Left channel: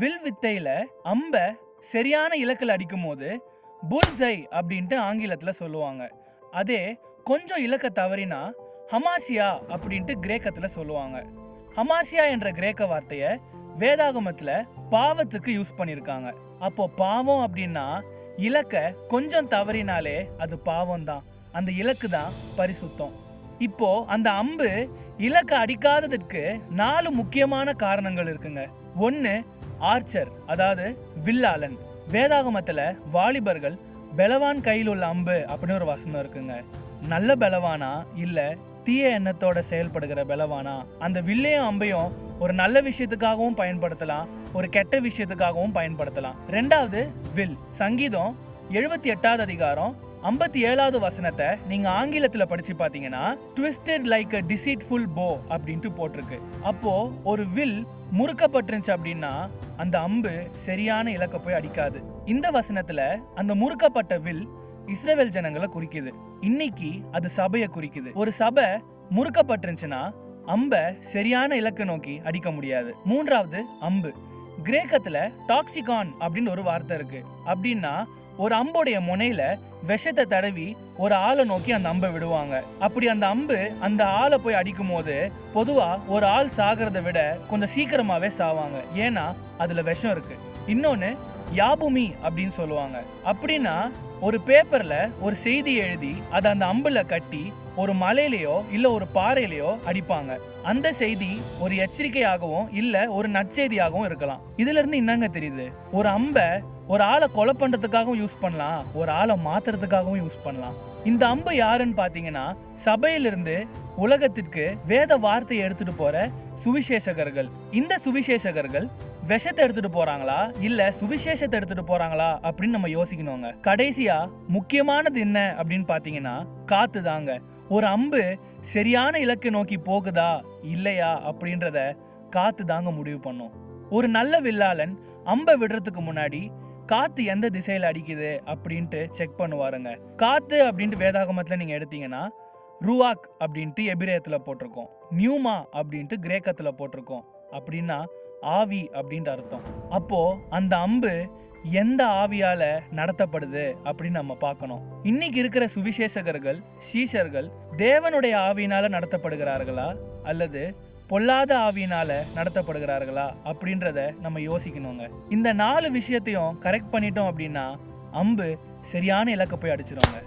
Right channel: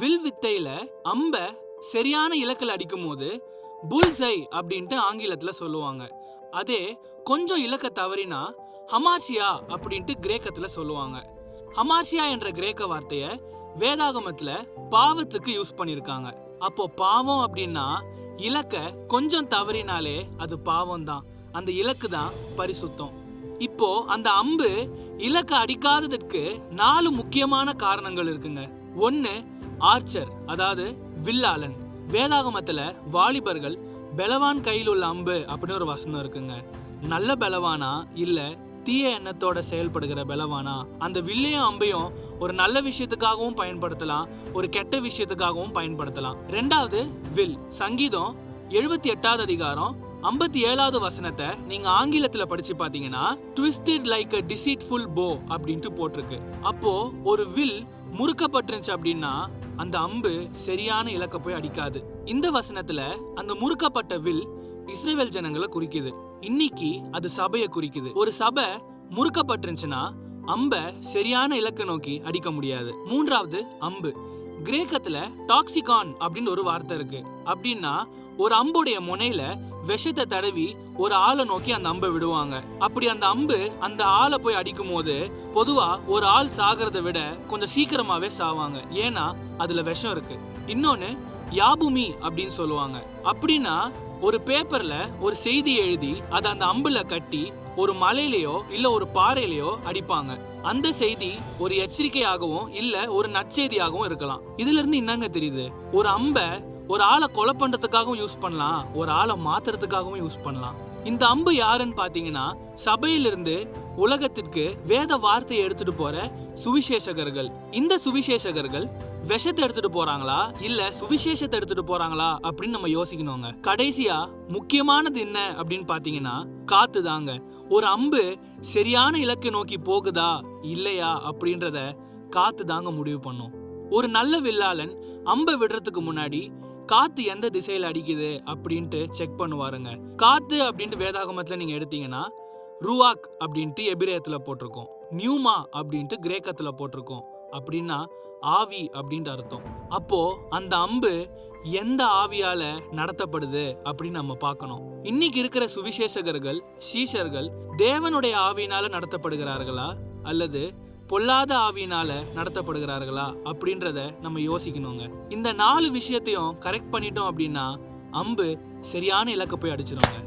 Will வித்தையில அம்ப சரியான இலக்கில் அடிக்கும் போது புல்ஸை அப்படின்ட்டு ஆங்கிலத்துல சொல்லுவாங்க. அதே கொஞ்சம் இலக்க தவறினா ஹமாசியா அப்படின்ட்டு கிரேக்கத்துல சொல்லுவாங்க. ஹமாசியா என்ற கிரேக்க வார்த்தைய வேதாகமத்துல பாவத்துக்கு யூஸ் பண்ணிருக்காங்க. அப்போ பாவம் அப்படின்னா இலக்க கொஞ்சம் தவறினாலே அது பாவம் தான். அந்த இலக்கு தான் பரிசுத்தம். இப்போ அந்த அம்பு இலக்க அடிக்காததற்கு 4 முக்கியமான காரணங்கள் இருக்குங்க. 1, ஆர்ச்சர், அதாவது வில்லாளன். வேதாகமத்துல வாலிபர்கள் பெலவான் கையில் உள்ள அம்பு அப்படின்னு ஒரு வசனம் இருக்குங்க. நல்ல பெலவானா இல்ல தீய எண்ணத்தோட செயல்படுகிற பெலவானா? அந்த வில்லையும் அம்பையும் ஒரு நல்ல விஷயத்துக்காகவும் பயன்படுத்தலாம், ஒரு கெட்ட விஷயத்துக்காகவும் பயன்படுத்தலாம். 2வது வில். சங்கீதம் 78வது அதிகாரம் 57வது வசனத்தை நீங்க ஆங்கிலத்துல படிச்சு பாத்தீங்கன்னா twisted like a deceitful bow அப்படின்ட்டு போட்டிருக்கு. அப்போ ஒரு வில் முறுக்கப்பட்டுருச்சு அப்படின்னா அந்த அம்பு சரியான இலக்க போய் அடிக்காது. இந்த வசனத்துல அந்த முறுக்கப்பட்ட வில் இஸ்ரவேல் ஜனங்களை குறிக்குது. இன்னைக்கு அது சபையை குறிக்குது. ஒரு சபை முறுக்கப்பட்டுருச்சுன்னா அம்ப சரியான இலக்க நோக்கி அடிக்க முடியாது. 3வது அம்பு. கிரேக்கத்துல டாக்சிகான் அப்படின்னு ஒரு வார்த்தை இருக்கு. அப்படின்னா ஒரு அம்புடைய முனையில விஷத்தை தடவி ஒரு ஆளை நோக்கி அந்த அம்பை விடுவாங்க. அப்படி அந்த அம்பு அந்த ஆளை போய் அடிக்கும் போது பொதுவா ஒரு ஆள் சாகிறத விட கொஞ்சம் சீக்கிரமாவே சாவாங்க. ஏன்னா அதுல விஷம் இருக்கு. இன்னொன்னு யாபுமி அப்படின்னு சொல்லுவாங்க. அப்படின்னா ஒரு பேப்பர்ல ஒரு செய்தி எழுதி அதை அந்த அம்புல கட்டி ஒரு மலையிலயோ இல்ல ஒரு பாறையிலயோ அடிப்பாங்க. அந்த செய்தி ஒரு எச்சரிக்கையாகவும் இல்ல ஒரு நற்செய்தியாகவும் இருக்கலாம். இதுல இருந்து என்னங்க தெரியுது? ஒரு அம்பை ஒரு ஆளை கொலை பண்றதுக்காகவும் யூஸ் பண்ணலாம், ஒரு ஆளை மாத்துறதுக்காகவும் யூஸ் பண்ணலாம். இந்த அம்பு யாருன்னு பாத்தீங்கன்னா சபையிலிருந்து உலகத்திற்கு வேத வார்த்தையை எடுத்துட்டு போற சுவிசேஷகர்கள். இந்த சுவிசேஷகர்கள் விஷத்தை எடுத்துட்டு போறாங்களா இல்ல சுவிசேஷத்தை எடுத்துட்டு போறாங்களா அப்படின்னு நம்ம யோசிக்கணுங்க. கடைசியா முக்கியமானது என்ன அப்படின்னு பாத்தீங்கன்னா காத்து தாங்க. ஒரு அம்பு சரியான இலக்கை நோக்கி போகுதா இல்லையா அப்படின்றத காத்து தாங்க முடிவு பண்ணும். ஒரு நல்ல வில்லாளன் அம்பை விடுறதுக்கு முன்னாடி காத்து எந்த திசையில அடிக்குது அப்படின்ட்டு செக் பண்ணுவாருங்க. காத்து அப்படின்ட்டு வேதாகமத்துல நீங்க எடுத்தீங்கன்னா ருவாக் அப்படின்ட்டு எபிரேயத்துல போட்டிருக்கோம், நியூமா அப்படின்ட்டு கிரேக்கத்துல போட்டிருக்கோம். அப்படின்னா ஆவி அப்படின்ட்டு அர்த்தம். அப்போ அந்த அம்பு எந்த ஆவியால நடத்தப்படுது அப்படின்னு நம்ம பார்க்கணும். இன்னைக்கு இருக்கிற சுவிசேஷகர்கள் சீஷர்கள் தேவனுடைய ஆவியினால நடத்தப்படுகிறார்களா அல்லது பொல்லாத ஆவியினால நடத்தப்படுகிறார்களா அப்படின்றத நம்ம யோசிக்கணுங்க. இந்த 4 விஷயத்தையும் கரெக்ட் பண்ணிட்டோம் அப்படின்னா அம்பு சரியான இலக்க போய் அடிச்சிருவாங்க.